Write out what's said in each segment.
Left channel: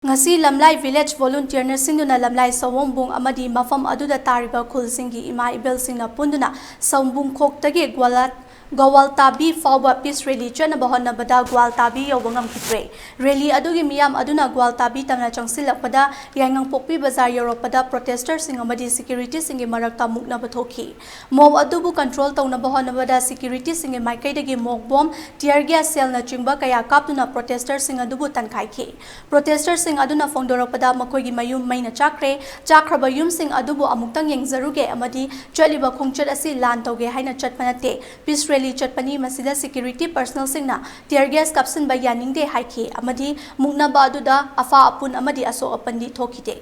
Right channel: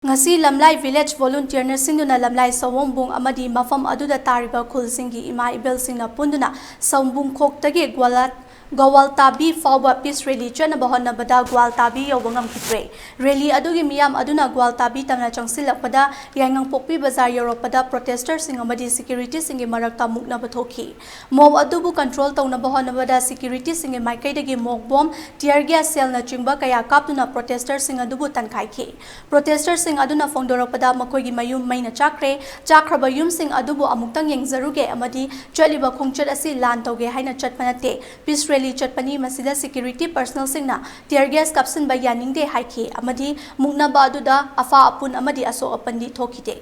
ngasi lamlai village volunteer na singduna lamlai sawongbung amadi mafam aduda tariba khulsingi ima ibel singna punduna sawongbung khoktagi Gwaltabi fawba peace rally chana bahona bada Gwaltabi yobangam kitre rally adugi miyam aduna Gwaltabi tamna changsilakpada yangang pokpi bazar Europada protesters sing amadi security singi marakta mukna bathoki mob adubu control tawna bahona bada security singi maikaidagi mob bomb tear gas cell na chingba kaya kaptuna protesters sing adubu tankaiki protesters sing aduna fongdoropada makoigi mayum maina chakraba yum sing adubu amuktang yengzaruge amadi chaliba khongchat asi lan tawge haina chatpanate peace rally chatpani masida security personnel singna tear gas kapsin ba yaningde haiki amadi mukna ba aduda afa apun amadi aso apandi thokide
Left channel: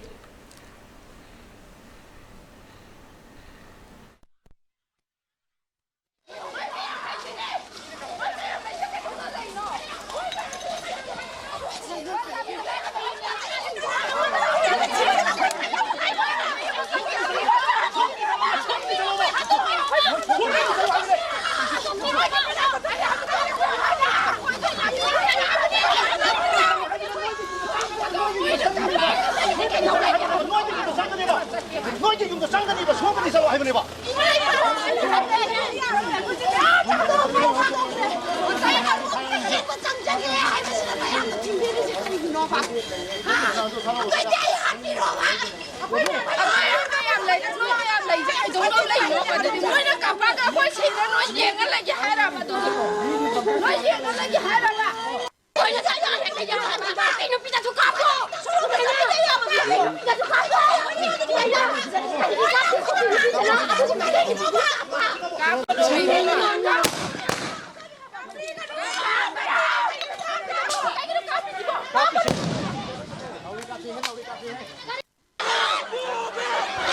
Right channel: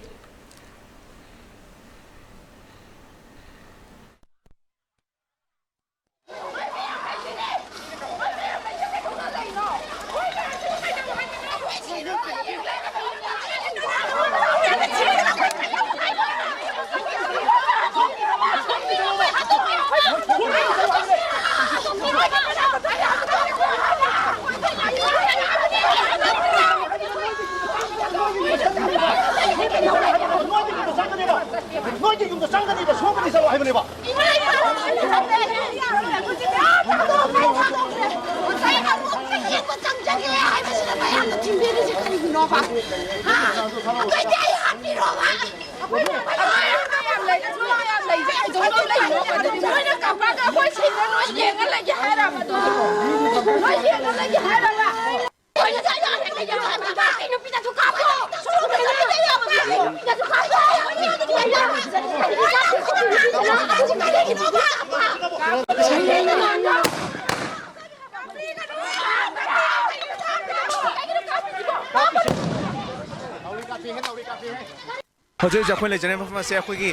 Hojol jakoi le janai mafam ase akhoi gi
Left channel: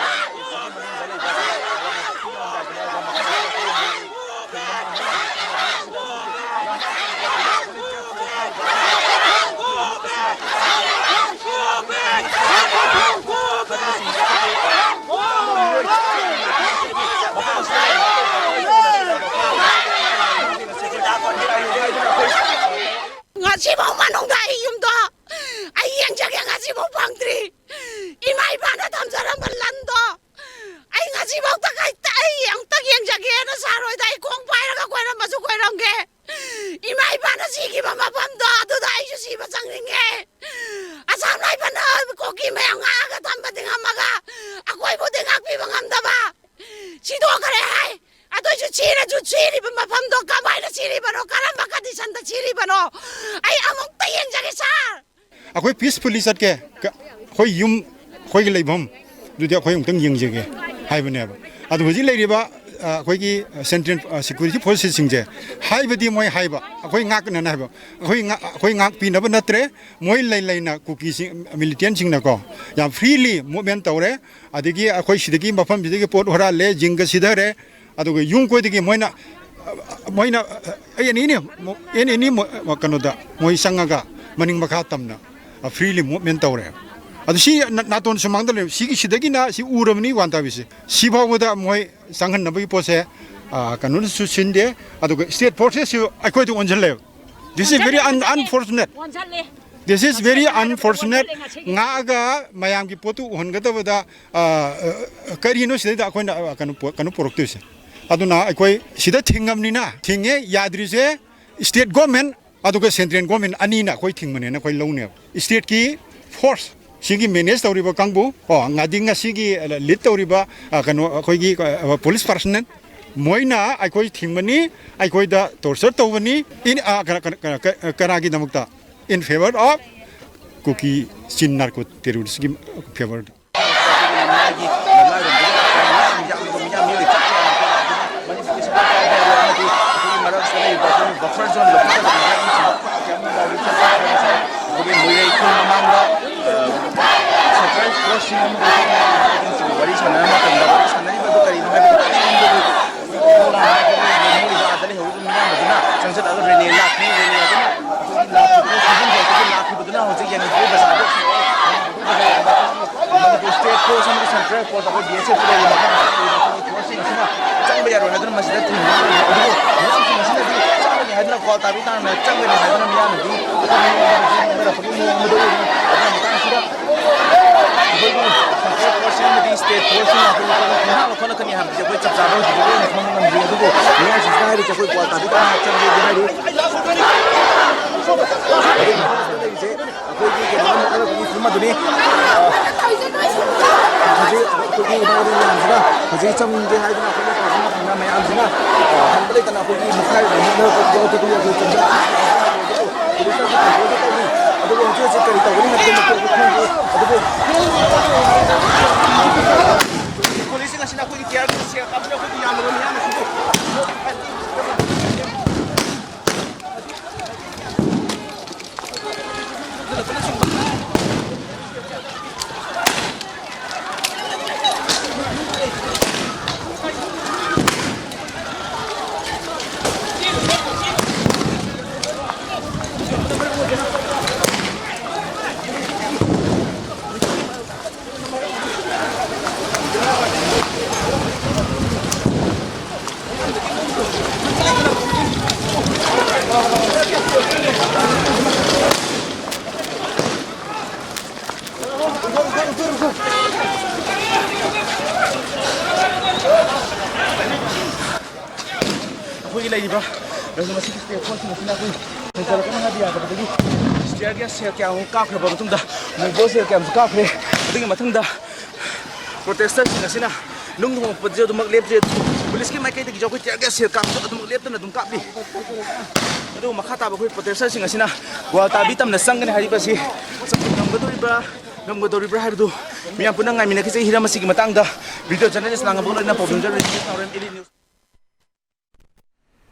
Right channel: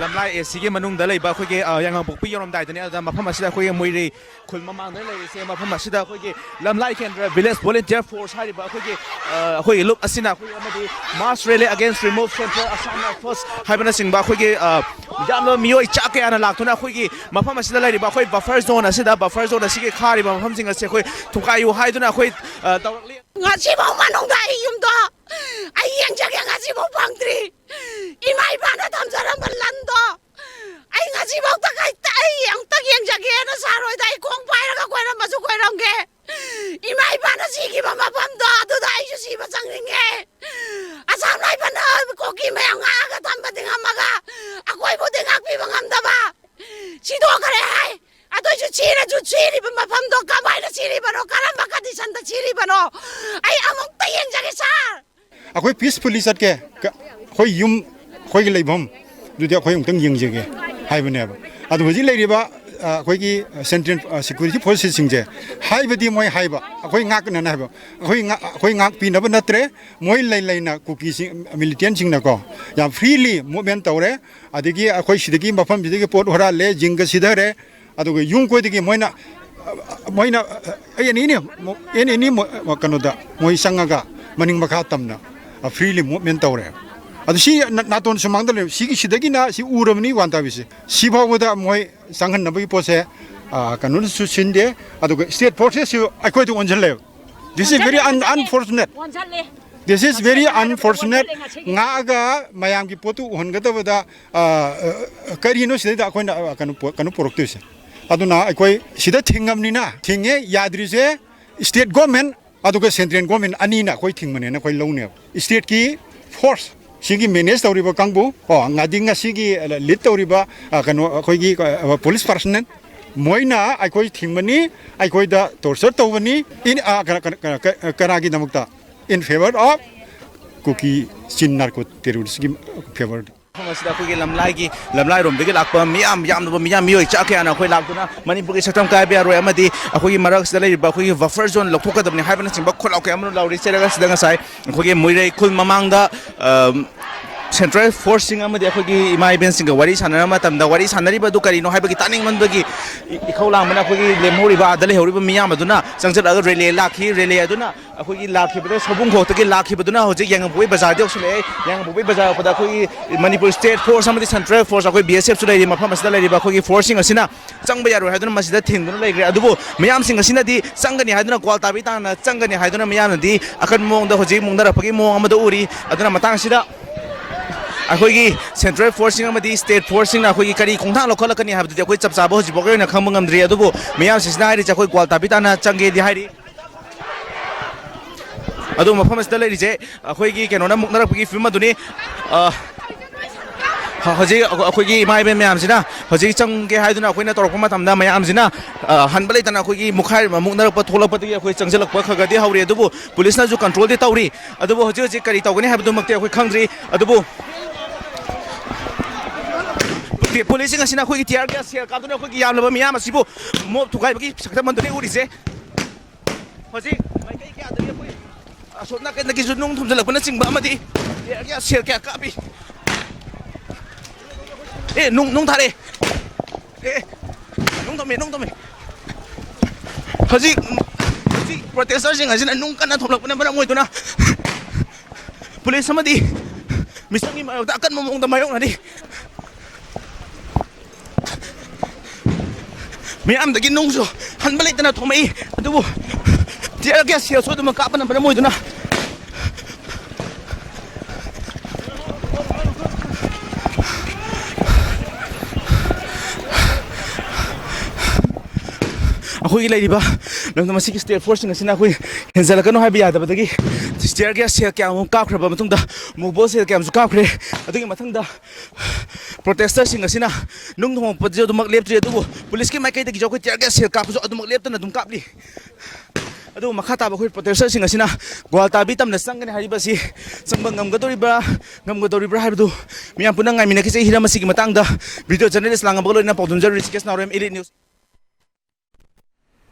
lamlai AC gi manung da leiba akhoi gi yang pokpi yorom dai dunia da mafam ase akhoi gi moirei khoi mama na ma se mafam ase da akhoi gi lamlai ken village volunteer force hai ba akhoi gi look asina mass rally against remote force hai bana sing ba akhoi gi dalo mioi chake ana lakuna akhoi gi mafam ase da leiba akhoi buffer zone ase da buffer zone ase gi khari ba mafam sing ase akhoi thukai yu hai duna akhoi ngasi mau manung da yum da ai yang jage ngasi mau pangtri imai bana tamjaram balando ai ngasi mau ta kai tai yang ta yang jage na saroi dai kong pai ra ka koi ra masu koi ram ge imai bana si ki mama pam da du dai ju si ba chang ring ge asam lai bana ko ki me nga ga tam ba ding amaga akoi bo ding ak pi bangam da ba si do kare hai adoi ju chiri ba mafam do ka bai na chiri bano karam ba ka di san da chiri bano ai among ta yang jage sar akoi peacefully sat ke khoi yum khoi gi leibam du dia khoi ungtang yeng jege hai bane ba adu hoji leiri ba khoi gi central security forces singje hai badi moi hai ba khoi ngak na na ba khoi ngak pi na ba natre moi lai na kuki sing militant sing na ko ya freely movement tawre adigi khoi sidagi mafam sidagi pot hora le jinga sidare adu yung koi digi moi na ai ni kanoda moi sangaga maning makha tamna freely movement tawre adu si naton sumang dal si ki sidagi na si uramni wanta bisi si bawda moi sanghan nabi pose kanun su sinde adu state forces akoi to onjale this is very unfortunate this is very unfortunate nga ga mayam ki potu hongada bada karino sida akoina kanu poroktu aduna akoi sida thingamni na thinge yadrise state government aduga central government ani na koi thingmane na koi lone state ki force sigi manage tawriba kangbu ngadinga sigi lead tawriba kanu koi gi police personnel moina akoi thingmani akoi da torture tawani in karagi namukta in favor of cookie chin narco terrorist gi favor lamlai rom degi lakpa miyam mioi chake ana khoi lakna manipur ki satam kai be ro amadi akhoi marak sele ba khoi buffer zone lokha ka dabni haban chimba khol ok amro dawri chere ras dang sai khoi moirei khul mamanga central force sing amadi akhoi imai ben sing wari sanara matam da wari sanari ba du kari no haibagi taning man bagi khola mana khoi le mori ba dale hori ba miyam aduna sangjat aga rele lakni rele aduna ꯑꯩꯈꯣꯏꯒꯤ ꯂꯥꯛꯈꯤꯕꯗ ꯁꯣꯕꯨꯡ ꯈꯣꯛꯇꯒꯤ ꯂꯥꯛꯈꯤꯕꯗꯨꯅ ꯍꯧꯖꯤꯛ ꯌꯥꯏꯉꯪꯄꯣꯛꯄꯤ ꯕꯖꯥꯔꯗ ꯌꯧꯁꯤꯜꯂꯛꯑꯦ ꯌꯥꯏꯉꯪꯄꯣꯛꯄꯤ ꯕꯖꯥꯔꯗ ꯑꯩꯈꯣꯏꯒꯤ Manipur state force ꯑꯃꯗꯤ central force ꯑꯩꯈꯣꯏ BSFꯁꯨ ꯂꯩꯔꯤ ꯃꯐꯝ ꯑꯁꯤꯗ ꯂꯩꯔꯤꯕ ꯑꯩꯈꯣꯏꯒꯤ ꯐꯣꯔꯁꯁꯤꯡ ꯑꯁꯤꯅ ꯆꯪꯕ ꯌꯥꯔꯣꯏ ꯍꯥꯏꯗꯨꯅ ꯃꯁꯤꯗ ꯊꯤꯡꯗꯨꯅ ꯂꯩꯈ꯭ꯔꯦ ꯑꯗꯨꯕꯨ ꯃꯌꯥꯝꯁꯤꯡ ꯑꯁꯤꯅꯗꯤ ꯆꯪꯒꯅꯤ ꯍꯥꯏꯗꯨꯅ ꯒ꯭ꯋꯥꯜ ꯇꯥꯕꯤ ꯇꯥꯅ ꯆꯪꯒꯅꯤ ꯍꯥꯏꯗꯨꯅ ꯃꯤꯌꯥꯝꯅꯗꯤ ꯑꯀꯟꯕ ꯃꯑꯣꯡꯗ ꯍꯧꯖꯤꯛ ꯃꯨꯛꯅꯔꯛꯄꯒꯤ ꯃꯑꯣꯡ ꯑꯃꯗ ꯎꯔꯤ ꯑꯗꯨꯅ ꯃꯇꯥꯡ ꯑꯁꯤꯗ ꯑꯩꯈꯣꯏꯒꯤ ꯁꯦꯟꯇ꯭ꯔꯦꯜ ꯐꯣꯔꯁꯁꯤꯡ ꯑꯃꯗꯤ ꯁ꯭ꯇꯦꯠ ꯐꯣꯔꯁꯁꯤꯡꯅ ꯑꯩꯈꯣꯏꯒꯤ ꯀꯔꯤ ꯈꯣꯡꯊꯥꯡ ꯂꯧꯈꯠꯂꯛꯀꯅꯤ ꯍꯥꯏꯕꯗꯤ ꯑꯩꯈꯣꯏ ꯆꯞ ꯆꯥꯕ ꯍꯧꯖꯤꯛꯐꯥꯎꯒꯤ ꯑꯣꯏꯅ ꯈꯪꯕ ꯉꯝꯗ꯭ꯔꯤ ꯑꯗꯨꯕꯨ ꯃꯤꯌꯥꯝꯁꯤꯡꯁꯤꯅ ꯍꯥꯏꯔꯤꯁꯦ ꯑꯩꯈꯣꯏ ꯒ꯭ꯋꯥꯜ ꯇꯥꯕꯤ ꯇꯥꯅ ꯆꯪꯒꯦꯗꯤ ꯍꯥꯏꯔꯤ ꯑꯗꯨ ꯃꯐꯝ ꯑꯁꯤꯗ ꯂꯩꯔꯤꯁꯦ ꯑꯩꯈꯣꯏꯒꯤ ꯀꯩꯅꯣꯅ ꯃꯨꯛꯅꯔꯛꯄꯒꯤ ꯐꯤꯕꯝ ꯑꯗꯨꯅꯤ ꯍꯧꯖꯤꯛ ꯑꯩꯈꯣꯏꯒꯤ ꯏꯃꯥ ꯏꯕꯦꯟ ꯃꯌꯥꯝꯁꯤꯅ ꯍꯧꯖꯤꯛ ꯆꯪꯒꯦ ꯍꯥꯏꯗꯨꯅ ꯑꯩꯈꯣꯏꯅ ꯇꯧꯔꯛꯄ ꯃꯇꯝꯗ ꯃꯌꯥꯝꯁꯤꯅ ꯍꯟꯕ ꯂꯩꯇꯅ ꯑꯩꯈꯣꯏꯒꯤ ꯃꯨꯛꯈꯥꯏꯔꯤꯕ ꯃꯨꯛꯅꯔꯛꯄ ꯊꯣꯛꯂꯛꯄꯗꯨꯗꯤ ꯑꯩꯈꯣꯏ ꯆꯪꯁꯤꯜꯂꯛꯄ ꯈꯔꯗꯤ ꯍꯧꯔꯤ ꯑꯗꯨꯕꯨ ꯄꯨꯂꯤꯁꯅꯁꯨ ꯀꯟꯇ꯭ꯔꯣꯜꯗꯤ ꯇꯧꯔꯤ ꯑꯗꯨꯕꯨ ꯍꯧꯖꯤꯛ ꯍꯧꯖꯤꯛ ꯀꯔꯤ ꯇꯧꯒꯅꯤ ꯍꯥꯏꯕꯗꯨꯃꯛꯇꯤ ꯑꯩꯈꯣꯏ ꯈꯪꯗ꯭ꯔꯤ ꯑꯗꯨꯕꯨ ꯄꯨꯂꯤꯁꯁꯤꯡ ꯑꯁꯤꯅ ꯑꯩꯈꯣꯏꯒꯤ ꯇꯤꯌꯥꯔ ꯒ꯭ꯌꯥꯁ ꯁꯦꯜ ꯀꯥꯞꯇꯨꯅ ꯑꯩꯈꯣꯏꯒꯤ ꯌꯥꯝꯂꯕ ꯃꯤꯌꯥꯝ ꯑꯁꯤꯕꯨ ꯃꯣꯠ ꯊꯨꯒꯥꯏꯕꯒꯤ ꯁꯛꯇꯝ ꯑꯃꯗꯅꯤ ꯎꯔꯤꯁꯦ ꯍꯧꯖꯤꯛ ꯑꯁꯣꯝ ꯅꯥꯀꯟꯗꯒꯤꯁꯨ ꯅꯨꯡ ꯊꯨꯝꯖꯤꯜꯂꯛꯄꯅꯆꯤꯡꯕ ꯑꯃꯗꯤ ꯇꯤꯌꯥꯔ ꯒ꯭ꯌꯥꯁ ꯁꯦꯜ ꯀꯌꯥ ꯀꯥꯞꯄꯤ nung thare nung tome hojik protester sing asina nung kana thulakna bara oidona police amadi misaki ma ta kan mong tamayo ani mi am dagi nung so han balik kana kumai du dia ke sia pun makatan bara oidona ꯑꯩꯈꯣꯏꯒꯤ ꯂꯩꯔꯤꯕ ꯃꯁꯤꯒꯤ state ꯐꯣꯔꯁꯁꯤꯡ ꯑꯁꯤꯅ ꯑꯩꯈꯣꯏ ꯍꯦꯟꯖꯜꯂꯛꯀꯅꯨ ꯍꯥꯏꯕ ꯌꯥꯗꯕꯗꯒꯤ stir gas ꯁꯦꯜ ꯀꯌꯥ ꯑꯃ ꯀꯥꯞꯈ꯭ꯔꯕ ꯃꯇꯨꯡꯗ ꯃꯣꯕꯣꯜ ꯁꯦꯜ ꯀꯌꯥ ꯑꯃꯁꯨ ꯀꯥꯞꯈ꯭ꯔꯦ ꯑꯗꯨꯒꯤ ꯃꯊꯪꯗ ꯄ꯭ꯔꯣꯇꯦꯁꯇꯔꯁꯤꯡ ꯑꯁꯤꯅ ꯅꯨꯡ ꯊꯣꯡꯂꯛꯄꯁꯨ ꯑꯗꯨꯃꯛ ꯂꯦꯞꯇ꯭ꯔꯤ ꯑꯗꯨꯕꯨ ꯄꯨꯂꯤꯁꯀꯤ ꯃꯥꯏꯀꯩꯗꯒꯤꯁꯨ ꯑꯩꯈꯣꯏ ꯇꯤꯌꯔ ꯒ꯭ꯌꯥꯁ ꯁꯦꯜ ꯀꯥꯞꯄꯁꯨ ꯑꯗꯨꯃꯛ ꯂꯦꯞꯇꯅ ꯑꯗꯨꯝ ꯀꯥꯞꯂꯤ ꯑꯗꯨꯕꯨ ꯃꯈꯥ ꯇꯥꯕ ꯑꯩꯈꯣꯏ ꯄ꯭ꯔꯣꯇꯦꯁꯇꯔꯁꯤꯡ ꯑꯁꯤꯅ ꯒ꯭ꯋꯥꯜ ꯇꯥꯕꯤ ꯇꯝꯅ ꯆꯪꯒꯅꯤ ꯍꯥꯏꯔꯤꯕꯁꯤ ꯆꯪꯕ ꯉꯝꯒꯗꯧꯔꯤꯕ꯭ꯔꯥ ꯍꯥꯏꯕꯗꯨ ꯃꯤꯌꯥꯝ ꯄꯨꯟꯅ ꯉꯥꯏꯃꯤꯟꯅꯈꯤꯁꯦ ꯍꯤꯔꯝ ꯑꯁꯤꯒꯤ ꯃꯇꯥꯡꯗ ꯚꯤꯗꯤꯑꯣ ꯖꯔꯅꯦꯂꯤꯁ ꯂꯥꯡꯉꯝꯕꯒ ꯂꯣꯏꯅꯅ ꯄꯥꯎ ꯄꯥꯖꯔꯤ ꯅ꯭ꯌꯨꯁ